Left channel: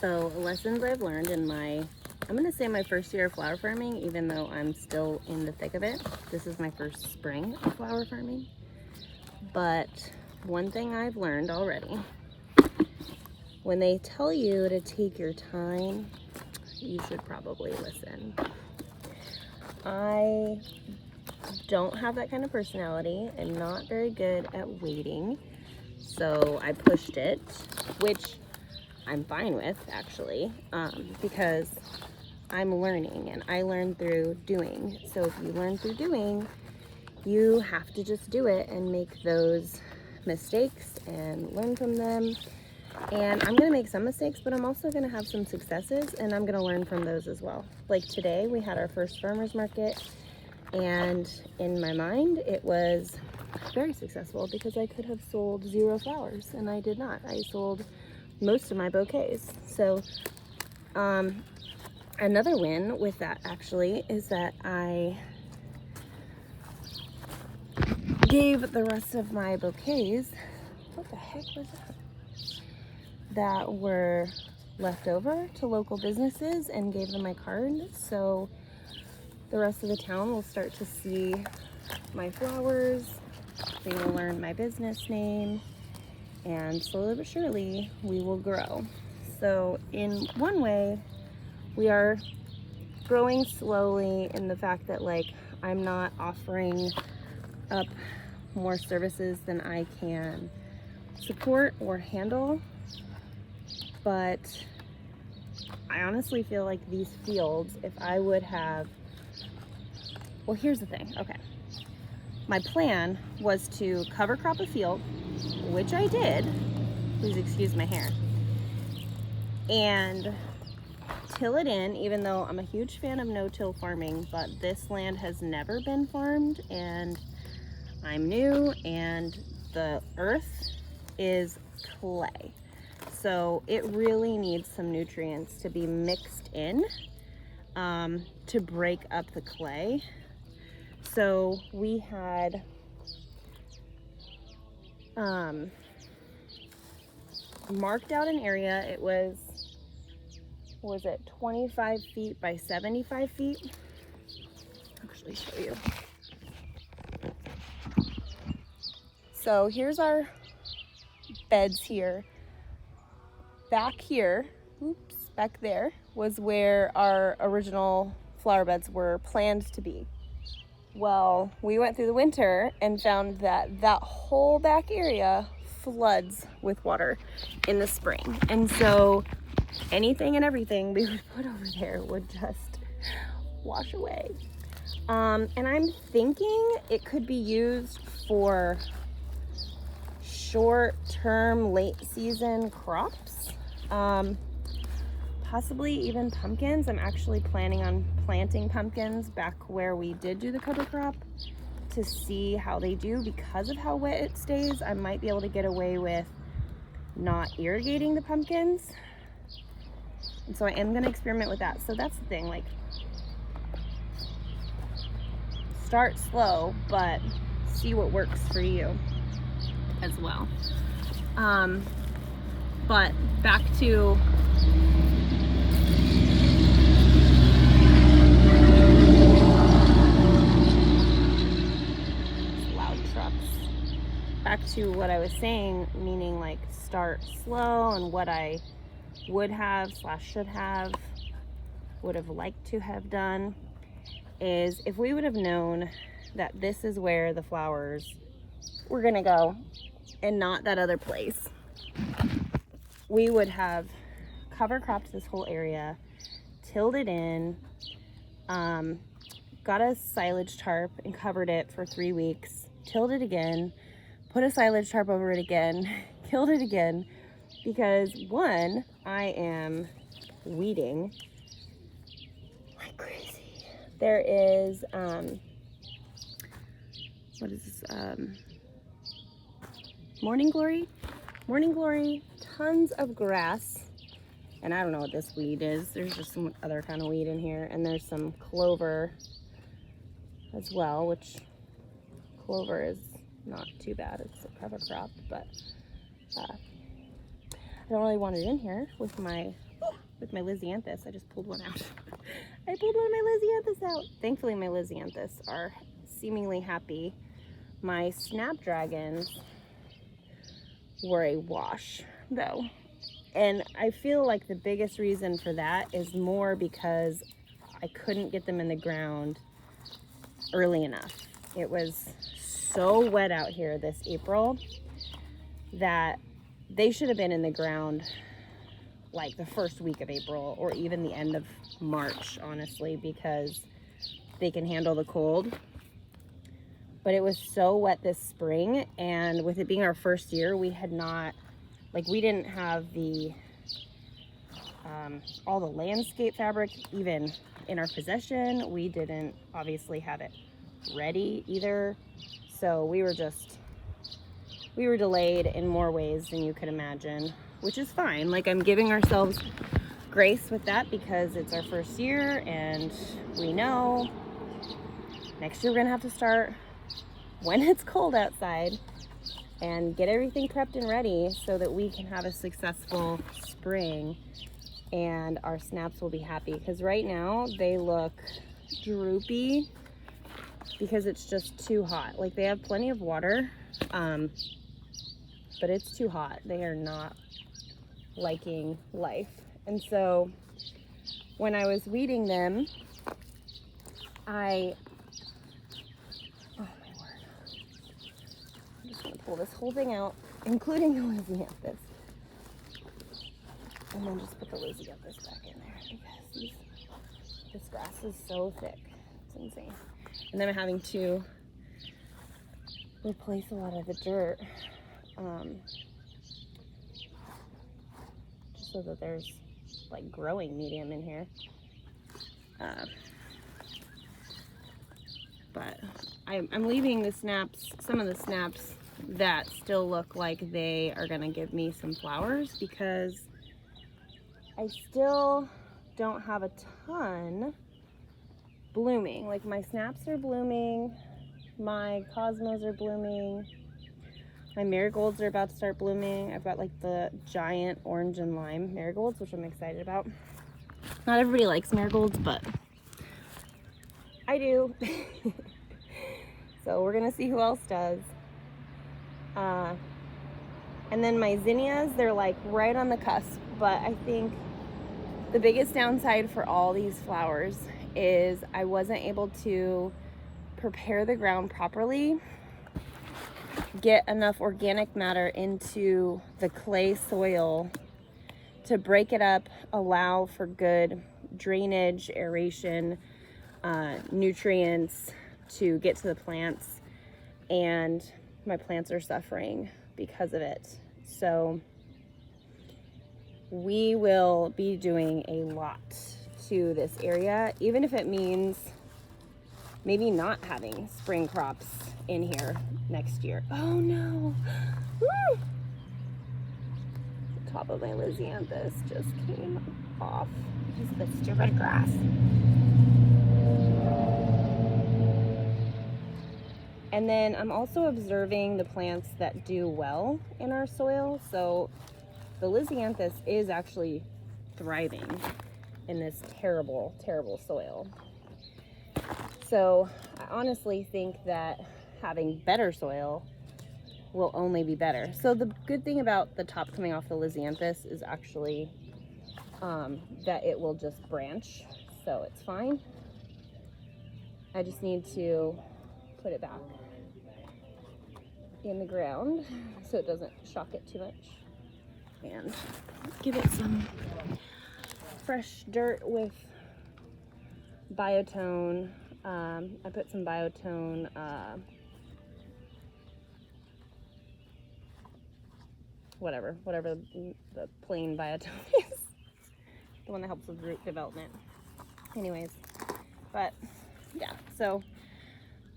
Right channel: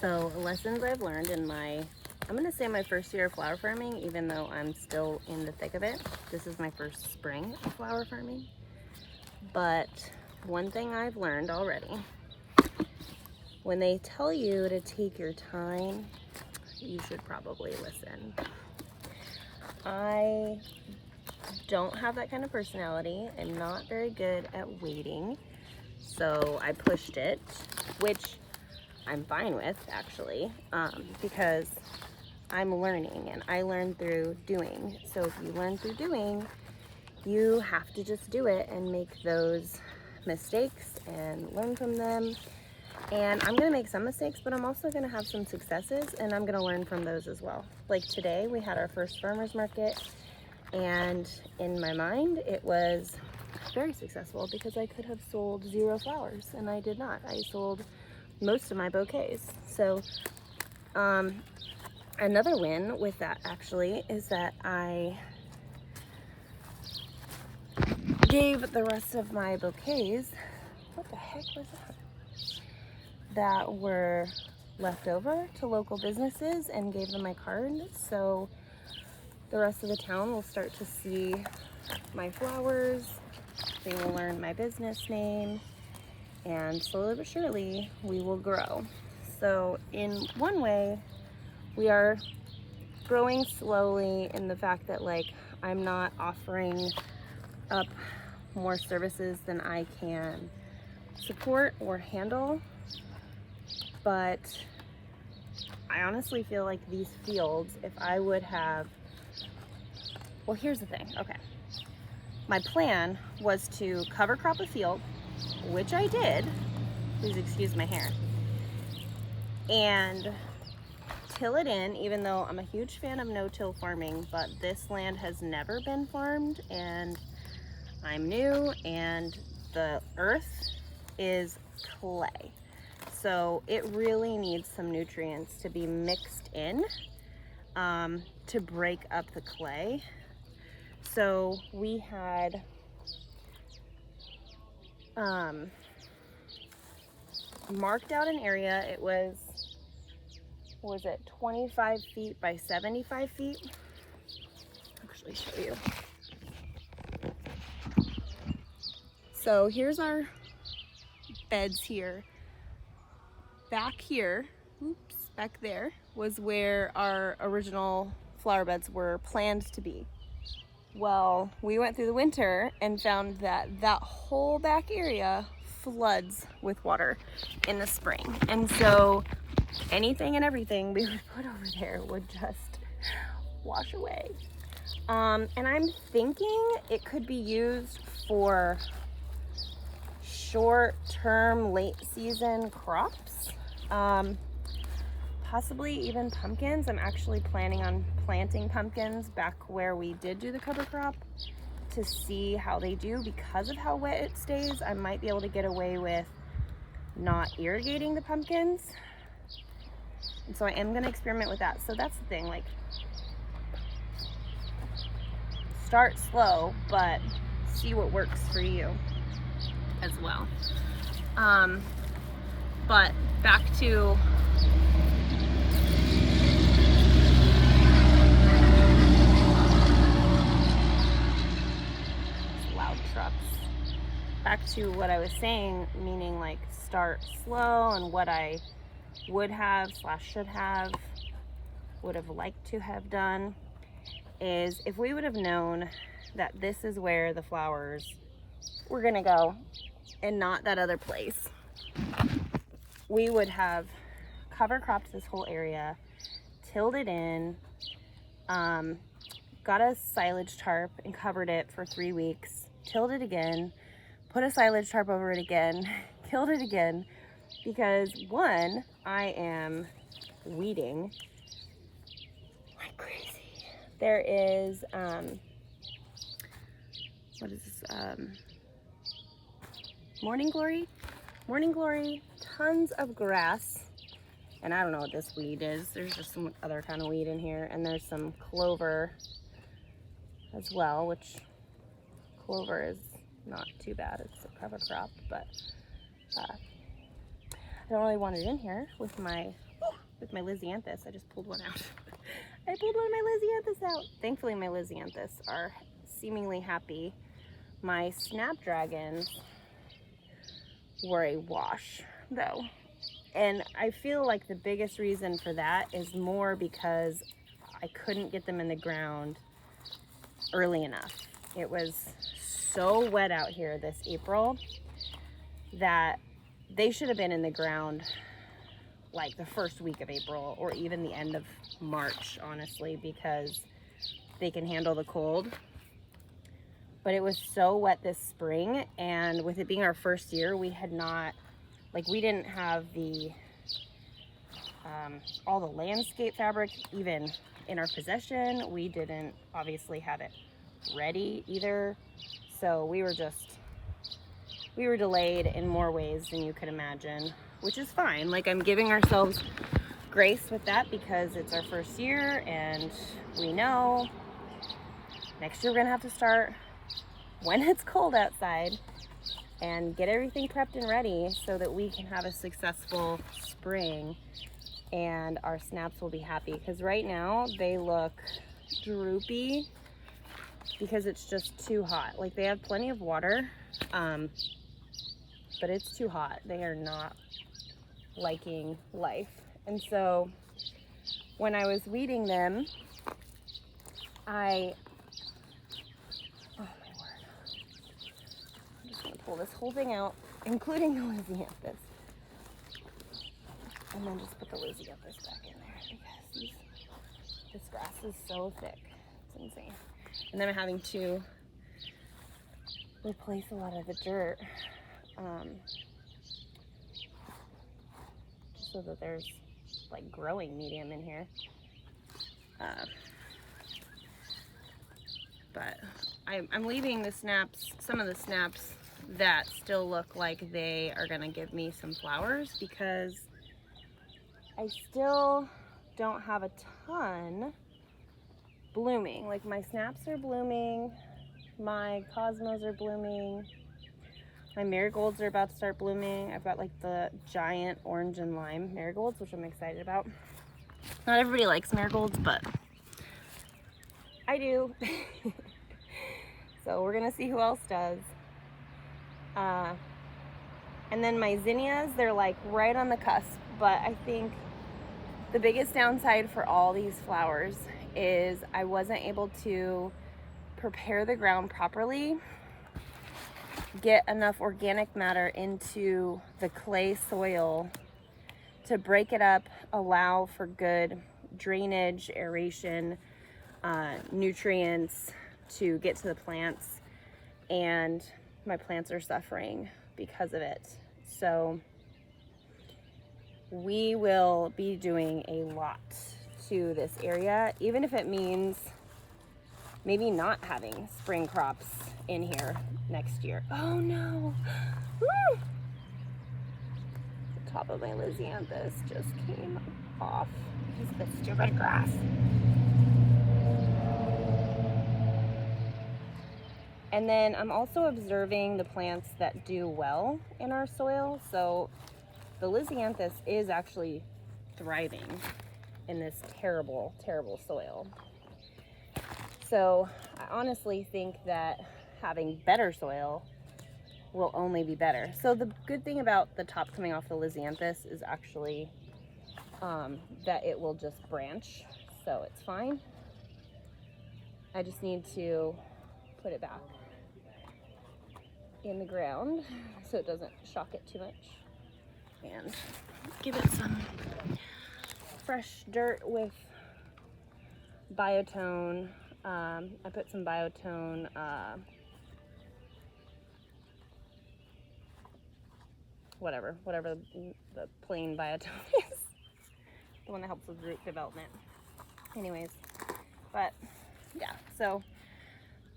So lessons I've learned in I'm gonna say my first year of flower farming, even though I'm still in the thick of it. This is my first spring of flower farming. But one thing I've learned already, when they tell you to take your time, you should probably listen. I don't have that kind of personality. I'm not very good at waiting. So I pushed it, which I'm fine with actually, because I'm learning and I learn through doing. So if you learn through doing, you have to just do it and make those mistakes and learn from them. And I'm gonna make some mistakes, but I'm also gonna have some successes and I'm gonna learn from those as well. Like today, we had our first farmer's market, and in my mind, it was very successful because I could have sold 0 flowers and I did not. I sold most of my bouquets. So another win with that actually is that I gave the rest of my bouquets, what the heck was that were left over, to local businesses and gave them my card. So the rest of the town will start to see my flowers, they will learn my business name, and slowly but surely we will grow. So in one way, we are growing slowly in the fact that like I'm not offering up more services than I can support or handle. But I honestly feel like these fields, if I would have, well, here's the thing. Okay. My plan was to cover crop a field, which I did. Please excuse my hair. And till it in, even though I'm a huge fan of no-till farming, but this land has never been farmed and I'm new and the earth is clay. So it really needs some nutrients to be mixed in to break up the clay. So we had marked out an area. It was 25 feet by 75 feet? I'll actually show you. So here's our beds here. Back here, back there was where our original flower beds were planned to be. Well, we went through the winter and found that that whole back area floods with water in the spring. And so anything and everything we would put over there would just wash away. And I'm thinking it could be used for short-term, late-season crops. Possibly even pumpkins. I'm actually planning on planting pumpkins back where we did do the cover crop to see how they do. Because of how wet it stays, I might be able to get away with not irrigating the pumpkins. And so I am gonna experiment with that. So that's the thing, like, start slow, but see what works for you as well. But back to loud trucks. Back to what I was saying, meaning like start slow, and what I would have / should have, would have liked to have done is if we would have known that this is where the flowers were gonna go and not that other place, we would have cover cropped this whole area, tilled it in, got a silage tarp and covered it for 3 weeks, tilled it again, put a silage tarp over it again, killed it again, because one, I am weeding like crazy. There is, what is this, Morning Glory? Morning Glory, tons of grass, and I don't know what this weed is. There's just some other kind of weed in here, and there's some clover as well, which clover is not too bad. It's a cover crop, but I don't really want it in here with my with my Lisianthus. I just pulled one out. I pulled one of my Lisianthus out. Thankfully, my Lisianthus are seemingly happy. My snapdragons were a wash, though. And I feel like the biggest reason for that is more because I couldn't get them in the ground early enough. It was so wet out here this April that they should have been in the ground like the first week of April or even the end of March, honestly, because they can handle the cold. But it was so wet this spring, and with it being our first year, we had not, like, we didn't have the all the landscape fabric even in our possession. We didn't obviously have it ready either, so we were delayed in more ways than you could imagine, which is fine. Like, I'm giving ourselves grace with that because it's our first year, and we know next year we're gonna have to start when it's cold outside and get everything prepped and ready so that we can have a successful spring and our snaps will be happy. Because right now they look droopy because it's just too hot. Like, they have plenty of water, but it's too hot. They are not liking life. And so when I was weeding them, oh my word, I'm just gonna pull this whole thing out, including the Lisianthus, and then just put the Lisianthus back in there because this grass is so thick. It's insane. And then I'm having to replace a lot of the dirt, just so that there's like growing medium in here. But I'm leaving the snaps, some of the snaps that still look like they are gonna give me some flowers, because I still don't have a ton blooming. Like, my snaps are blooming, my cosmos are blooming, my marigolds are about to start blooming. I've got like the giant orange and lime marigolds, which I'm excited about. Not everybody likes marigolds, but I do. So we're gonna see who else does. And then my zinnias, they're like right on the cusp, but I think the biggest downside for all these flowers is I wasn't able to prepare the ground properly, get enough organic matter into the clay soil to break it up, allow for good drainage, aeration, nutrients to get to the plants, and my plants are suffering because of it. So we will be doing a lot to this area, even if it means maybe not having spring crops in here next year. Oh no! Woo! The top of my Lisianthus just came off because of the stupid grass. And then I'm also observing the plants that do well in our soil. So the Lisianthus is actually thriving in this terrible, terrible soil. So I honestly think that having better soil will only be better. So the good thing about the top coming off the Lisianthus is actually that it will just branch, so it's fine. I just need to put it back in the ground so it doesn't shock it too much, and give it some fresh dirt with Biotone. I put some Biotone whatever the plain Biotone is, the one that helps with root development. Anyways, but yeah, so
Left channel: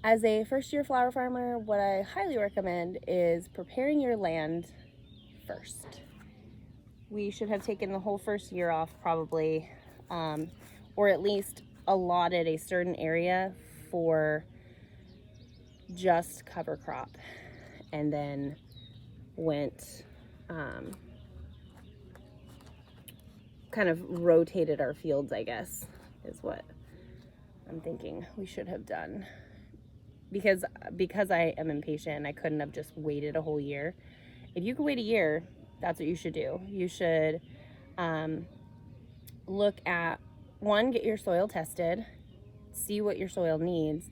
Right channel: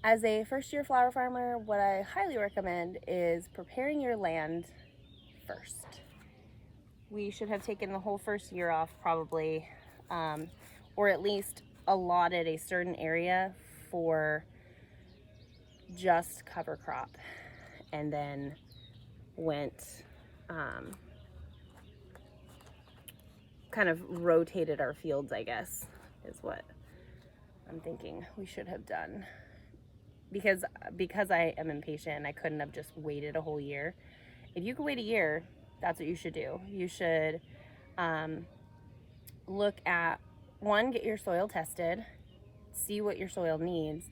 as a first-year flower farmer, what I highly recommend is preparing your land first. We should have taken the whole first year off probably, or at least allotted a certain area for just cover crop, and then went kind of rotated our fields, I guess, is what I'm thinking we should have done. Because I am impatient, I couldn't have just waited a whole year. If you could wait a year, that's what you should do. You should look at, one, get your soil tested, see what your soil needs,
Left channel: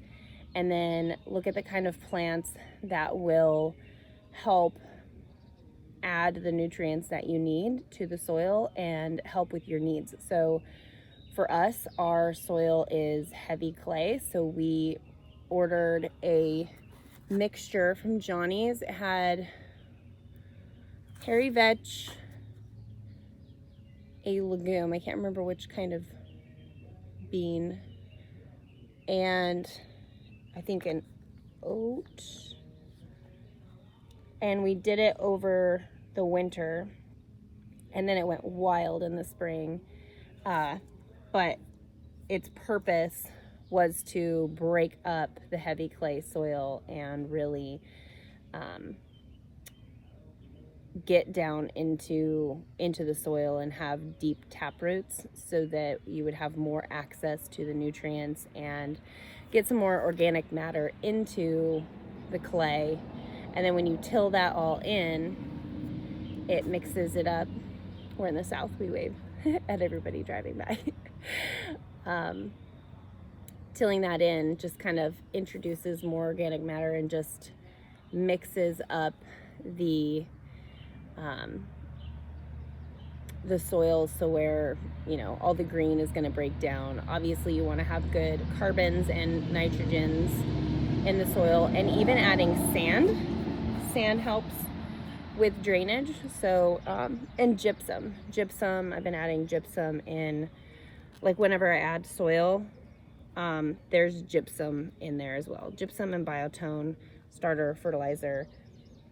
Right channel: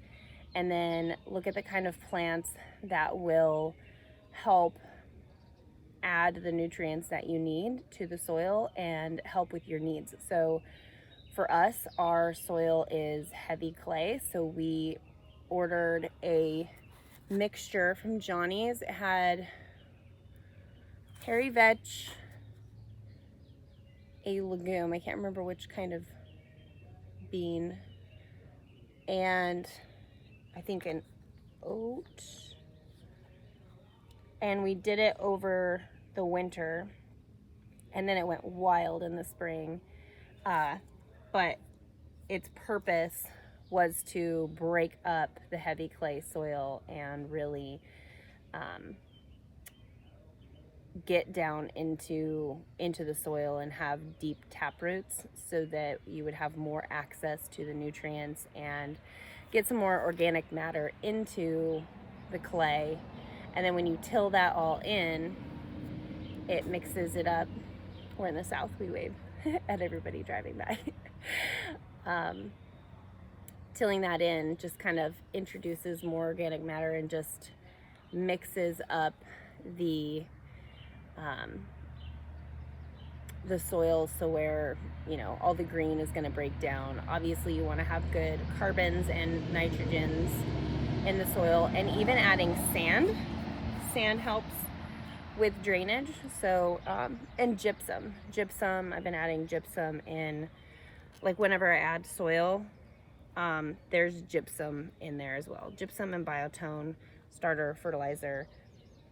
and then look at the kind of plants that will help add the nutrients that you need to the soil and help with your needs. So for us, our soil is heavy clay, so we ordered a mixture from Johnny's. It had hairy vetch, a legume, I can't remember which kind of bean, and I think an oat. And we did it over the winter, and then it went wild in the spring. But its purpose was to break up the heavy clay soil and really get down into the soil and have deep tap roots, so that you would have more access to the nutrients and get some more organic matter into the clay. And then when you till that all in, it mixes it up. We're in the South, we wave at everybody driving by. Tilling that in just kind of introduces more organic matter and just mixes up the soil, so where, you know, all the green is going to break down. Obviously you want to have good carbons and nitrogens in the soil, and even adding sand helps with drainage. So and gypsum, I've been adding gypsum in, like, whenever I add soil, there's gypsum in there as well. Gypsum and Biotone starter fertilizer,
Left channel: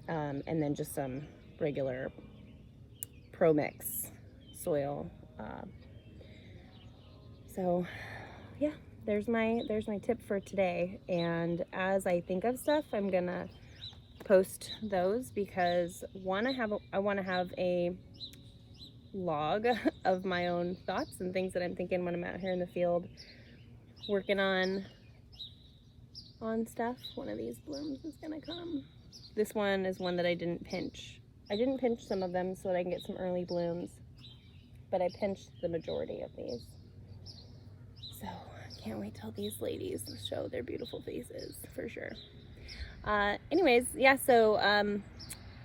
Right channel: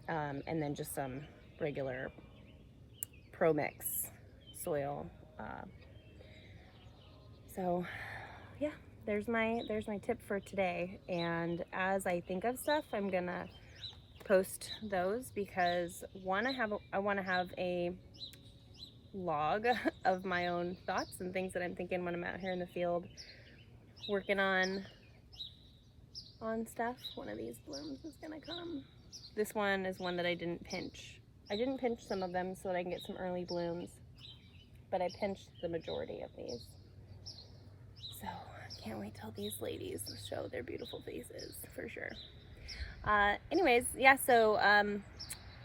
and then just some regular Pro Mix soil. So yeah, there's my tip for today. And as I think of stuff, I'm gonna post those, because one, I want to have a log of my own thoughts and things that I'm thinking when I'm out here in the field working on stuff. One of these blooms is gonna come. This one is one that I didn't pinch. I didn't pinch some of them so that I can get some early blooms, but I pinched the majority of these. So I can't wait till these ladies show their beautiful faces, for sure. Anyways, yeah, so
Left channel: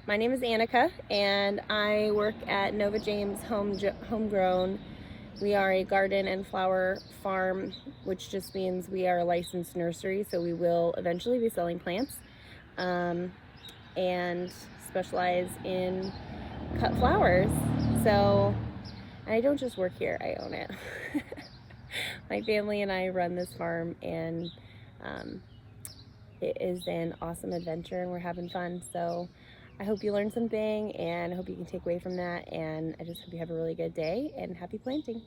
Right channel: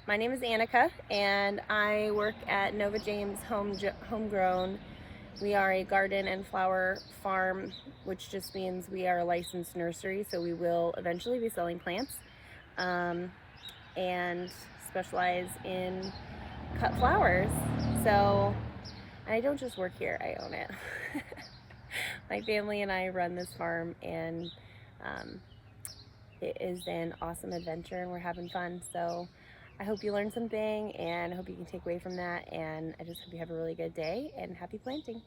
my name is Annika, and I work at Nova James Homegrown. We are a garden and flower farm, which just means we are a licensed nursery, so we will eventually be selling plants, and specialize in cut flowers. So I don't just work here, I own it. My family and I run this farm, and it is an awesome adventure, and we're having fun. So I hope you learned something, and I hope you can take away from that, and I just hope you have a really good day, and happy planting.